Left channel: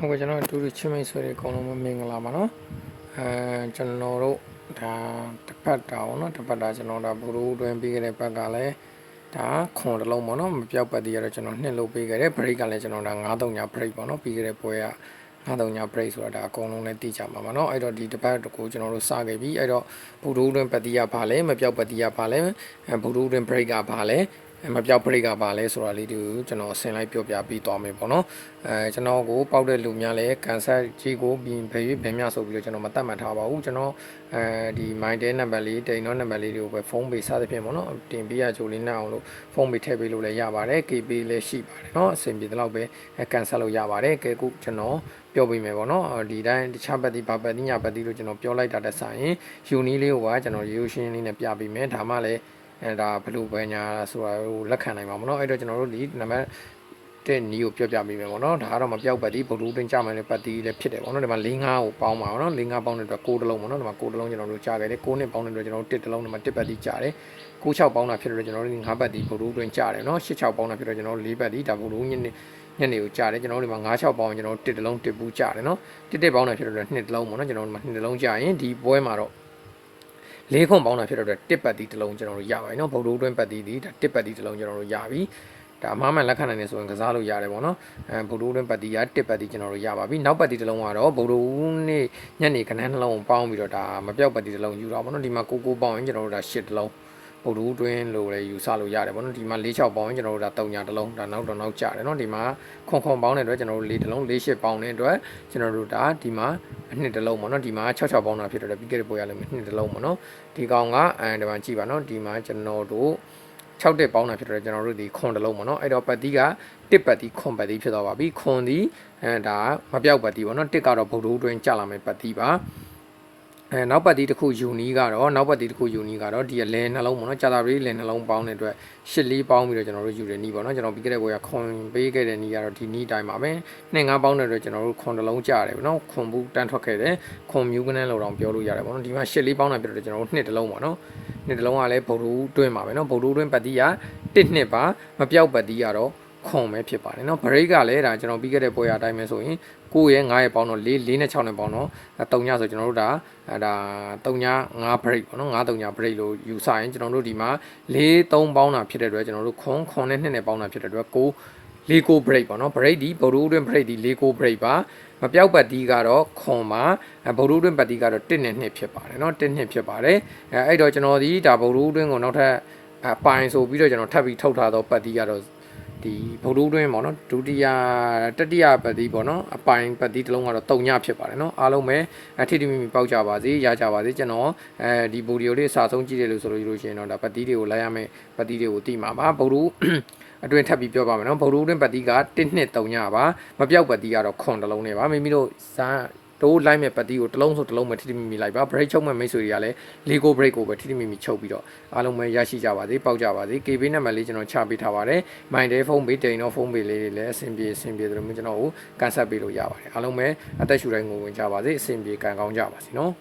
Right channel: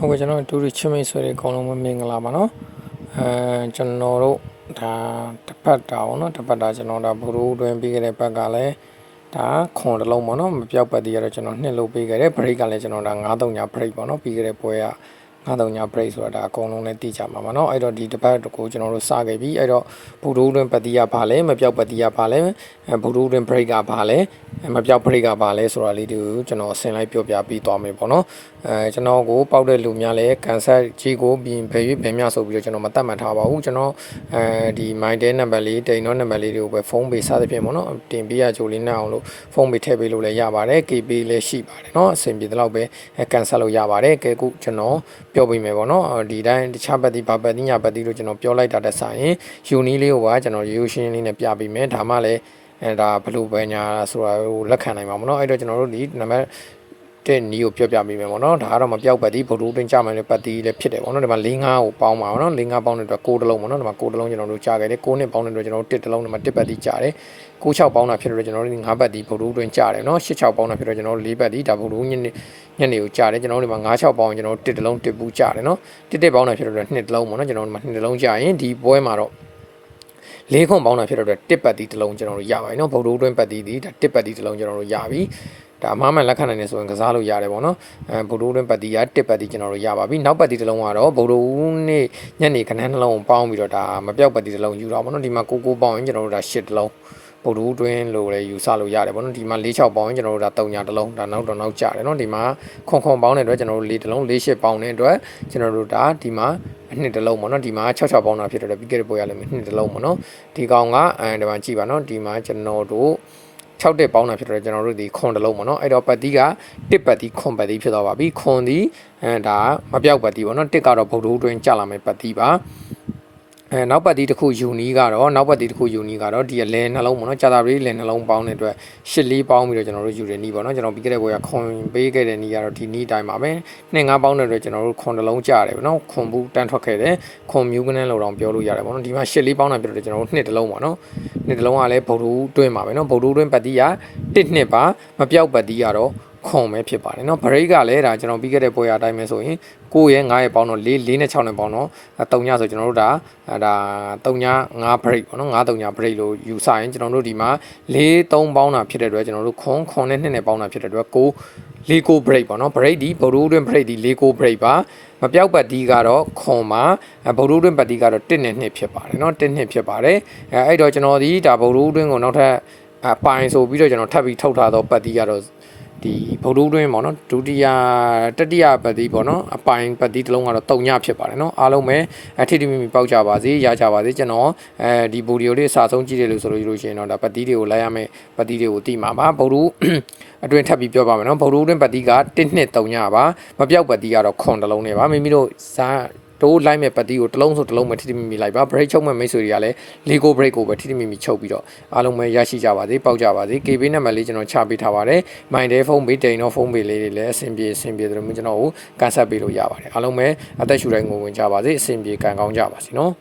ဟုတ်ကဲ့ကျွန်တော်တို့ချင်းမိတ်ဆွေတွေအကုန်လုံးပဲမင်္ဂလာပါနော်အဲကျွန်တော်တို့ဒါတစ်ပတ်တာပေါ့နော်တစ်ပတ်တာကျွန်တော်ဒါဘိုးတို့တွင်ပြီးခဲ့တဲ့ဘက်ကလည်းဒါခွန်တစ်လုံးပေါ့နော်မပြောက်ပတ်တည်းရတော့ကျွန်တော်နှစ်လုပ်ပေးခဲ့တယ် break ကလည်းကျွန်တော်ဒါ9-3ည break ပေါ့နော်ပြီးခဲ့တဲ့ပွဲက 9-3ည break ဆိုတာဒါအကုန်လုံးလည်းသိကြမှာပါနော်အဲ့တော့ဒီတစ်ပတ်ကိုကျွန်တော်တို့စခဲ့ပြီအဲ့တော့ဘိုးတို့တွင်ပတ်တည်းရပါလဲမပြောက်ပတ်တည်းရပါလဲအဲဘိုးတို့တွင် break ကပါလဲမပြောက် break ကပါလဲဆိုတာလေးတူကျွန်တော်အစင်လိုက်ပြောပြပြီးသွားမယ်ပေါ့နော်အဲကျွန်တော်ကိုပောက်တဲ့လူများလည်းကန်ဆက်ကြီးကိုပြင်ဖယ်၍ဘယ်မြဆိုပြီးတော့ကျွန်တော်မတတ်မှတ်ထားပါဘူးကျွန်တော်အဲဒီ my day number လေးတိန်တော့ number လေးတွေကိုပဲဖုန်းပေးစသဖြင့်ပေါ့နော်တင်ပေးရကြိုလေးနဲ့အောင်လို့ဖုန်းပေးထည့်ပေးလို့လည်းရပါတယ် KB လည်းရှိပါတယ်เนาะအဆင်ပြေတဲ့လောက်ပဲကန်ဆက်လို့ရပါတယ်ကဲခုကျွန်တော် ပြောပေးမယ်ပေါ့နော်ဒီတိုင်းတခြားပတ်တိဘာပတ်တိညာပတ်တိလို့ကျွန်တော်ပြောလိုက်တာတက်ဆိုင်ရင်ယူနီလေးကိုပါကျွန်တော်ရိုးရှင်းလေးနဲ့ပြပေးမယ်ဒါမှလည်းအဲဒါဘလို့ပဲညာဆိုတာကိုလက်ခံနိုင်မှာပေါ့နော်အဲ့တော့ကျွန်တော်တို့ဒီနံပါတ်တဲ့နီးကိုပြောပြပေးမယ်ပေါ့နော်ဒါကတော့မပြောက်ပတ်တိဘလို့တွင်းကြမယ်လေပတ်တိလည်းဖြစ်တယ်ပေါ့နော်ဒီမှာ၄၅ကိုပေါင်းပါပေါ့နော်၄၅ပေါင်းတဲ့အတွက်6တလုံးပေါ့နော်ဒီမှာ6တလုံးကျွန်တော်တို့ကြားခဲ့တယ်6နှစ်ပေါင်းတဲ့အတွက်ကျွန်တော်တို့1တလုံးဒီမှာ1ပတ်တိကြားတယ်96ပေါင်းတာဖြစ်တော့ကျွန်တော်တို့5ပတ်တိဘလို့တွင်းကြားတယ်နော်86ပေါင်းတာဖြစ်တော့ကျွန်တော်တို့4ပတ်တိဒါဘလို့ညနေ ညနေကိုကြာတယ်ကျွန်တော်တို့ဒီမှာ9 6ပေါင်းကျွန်တော်တစ်တလုံးတစ်ပူးကြာတယ်နော်တစ်တစ်ပေါင်းတာဖြစ်တော့နှစ်တလုံးပေါ့နော်ကျွန်တော်တို့ဒီမှာနှစ်တလုံးကြာရင်ဒီပွဲမှာတော့လေးခွန်ပေါင်းတာဖြစ်တော့တစ်ပတ်တီတလုံးကျွန်တော်တို့ရပါတယ်နော်ဗုဒ္ဓအတွင်းပတ်တီဒီဒါတစ်ပတ်တီတလုံးကျွန်တော်တို့ရပြီဒါအမှားမှန်လက်ခံနိုင်နေဆိုရင်ကစားလို့ရတယ်ပေါ့နော်အဲဗုဒ္ဓအတွင်းပတ်တီရတစ်ပတ်တီကျွန်တော်တို့ရပါပြီနောက်ပတ်တီတလုံးကတော့ဗုဒ္ဓဦးနေ့ညနေခဏနှလုံးပေါင်းပြီးတော့ဒါမပြောက်ပတ်တီတလုံးယူတော့ပေါ့နော်ဒီမှာကိုကိုပေါင်းရင်ကျွန်တော်တို့ဒါ၈တလုံး ဗုဒ္ဓတွင်းလို့လည်းယူဆလို့ရတယ်ပေါ့နော်ဒီမှာ၄6ပေါင်းရင်ကျွန်တော်တို့ဒါ3ညာတစ်လုံးဒါနောက်တော့နောက်ကြတယ်နော်ဒီမှာခွန်ခွန်ပေါင်းတဲ့အတွက်ကျွန်တော်တို့၄တစ်လုံး၄၈ပေါင်းတဲ့အတွက်ကျွန်တော်တို့ဒါဒီမှာအနှစ်တစ်လုံးပေါ့နော်ဒီမှာ6 6ပေါင်းတာဖြစ်တော့ပြီးခဲ့တဲ့ပွဲရလည်းနှစ်တစ်လုံးပေါ့နော်ဒီကောင်ကအဲဒီမှာကြည့်ပါနော်ဒီမှာကျွန်တော်တို့6တက်ပေါင်းတာဖြစ်တော့ကျွန်တော်တို့ဒီခွန်တစ်လုံးပေါ့နော်အဲ့တော့ပတ်တီးကတစ်ပတ်တီးခွန်ပတ်တီးဖြစ်သွားပါပြီခွန်ဒီအဲဒါမပြောက်ပတ်တီးပေါ့နော်တစ်ကတော့ဗုဒ္ဓတွင်းကြလာမယ်ပတ်တီးပါ အဲနောက်ပတ်တီးတစ်ခုယူနီကတော့နောက်ပတ်တီးတစ်ခုယူနီကတော့ဒီလဲနှလုံးပေါ့နော်ကြာတာပလေးလဲနှလုံးပေါင်းတဲ့အတွက်ရှစ်လေးပေါင်းပြီးတော့ကျွန်တော်တို့ယူတဲ့နီးပေါ့နော်ကျွန်တော်ပြီးခဲ့တဲ့ဘွေကခွန်ပေးခဲ့တဲ့နီးကတော့ဒီနီးတိုင်းပါပဲနှစ်ငါးပေါင်းတဲ့အတွက်ကျွန်တော်တို့ခွန်တစ်လုံးကြာတယ်ပေါ့နော်ခွန်ဘူးတန်းထွက်ခဲ့တယ်ခွန်မြူးကနန်းလောက်တောင်ပြောလို့ရတယ်ပေါ့နော်ဒီမှာရှစ်လေးပေါင်းတာပြတော့ကျွန်တော်တို့နှစ်တစ်လုံးပေါ့နော်နှစ်တစ်လုံးကလည်းဗုဒ္ဓတွင်းပါပဲနော်ဗုဒ္ဓတွင်းပတ်တီးကတစ်နှစ်ပါမပြောက်ပတ်တီးကတော့ ခွန်ပဲဖြစ်ပါတယ်เนาะ break ကလည်းဒါကျွန်တော်ပြီးခဲ့တဲ့ပွဲရအတိုင်းပဲဆိုရင်9ရဲ့9ရဲ့ပေါင်းတော့4 4နဲ့6နဲ့ပေါင်းတော့3ညဆိုကျွန်တော်တို့ဒါဒါ3ည5 break ပေါ့နော်9 3ည break လို့ယူဆရင်ကျွန်တော်တို့ဒီမှာ4 3ပေါင်းတာဖြစ်တဲ့အတွက်ကျွန်တော်တို့ခွန်ခွန်နဲ့2နဲ့ပေါင်းတာဖြစ်တဲ့အတွက်9 4 9 break ပေါ့နော် break ဒီဘိုဒိုးတွင် break ဒီ4 9 break ပါမပြောက်ပတ်တီးကတော့ခွန်ပါဘိုဒိုးတွင်ပတ်တီးကတော့1နဲ့2ဖြစ်ပါတယ်เนาะ1နှစ်ဖြစ်ပါတယ်အဲအဲ့တော့ကျွန်တော်ဒီဒါဘိုဒိုးတွင်ကိုနောက်ထပ်အပိုင်ဆိုပြီးတော့ကျွန်တော်ထပ်ပြီးထုတ်ထားတော့ပတ်တီးကတော့ ဒီဗုဒ္ဓတွင်းပေါ့နော်ဒုတိယတတိယပတ်တိပေါ့နော်အပိုင်ပတ်တိတစ်လုံးကတော့တုံညဖြစ်ပါတယ်နော်အားလုံးပဲအထီတီမီမီပေါက်ကြပါစေရကြပါစေကျွန်တော်အဲဒီဗီဒီယိုလေးစာဆုံးကြည့်တယ်လို့ဆိုလို့ရှိရင်တော့ဒါပတ်တိတွေကိုလိုက်ရမယ်ပတ်တိတွေကိုတိမှာပါဗုဒ္ဓအတွင်းထပ်ပြီးပြောပါမယ်နော်ဗုဒ္ဓတွင်းပတ်တိက1နှစ်3ညပါမပြောက်ပတ်တိကတော့ခွန်တစ်လုံးနဲ့ပါမိမိတို့ဇာ တိုးလိုက်မဲ့ပတ်တီကိုတစ်လုံးဆိုတစ်လုံးပဲထိထိမိမိလိုက်ပါ break ချုပ်မဲ့မိတ်ဆွေတွေကလည်း Lego break ကိုပဲထိထိမိမိချုပ်ပြီးတော့အားလုံးပဲရရှိကြပါစေပေါက်ကြပါစေ KB နံပါတ်လေးကျွန်တော်ချပေးထားပါတယ် My Day ဖုန်းပေးတိန်တော့ဖုန်းပေးလေးတွေလည်းအဆင်ပြေအဆင်ပြေတယ်လို့ကျွန်တော်ကိုကန်ဆက်ပေးလို့ရပါတယ်အားလုံးပဲအသက်ရှူတိုင်းငိုဝင်ကြပါစေအဆင်ပြေကန်ကောင်းကြပါစေနော်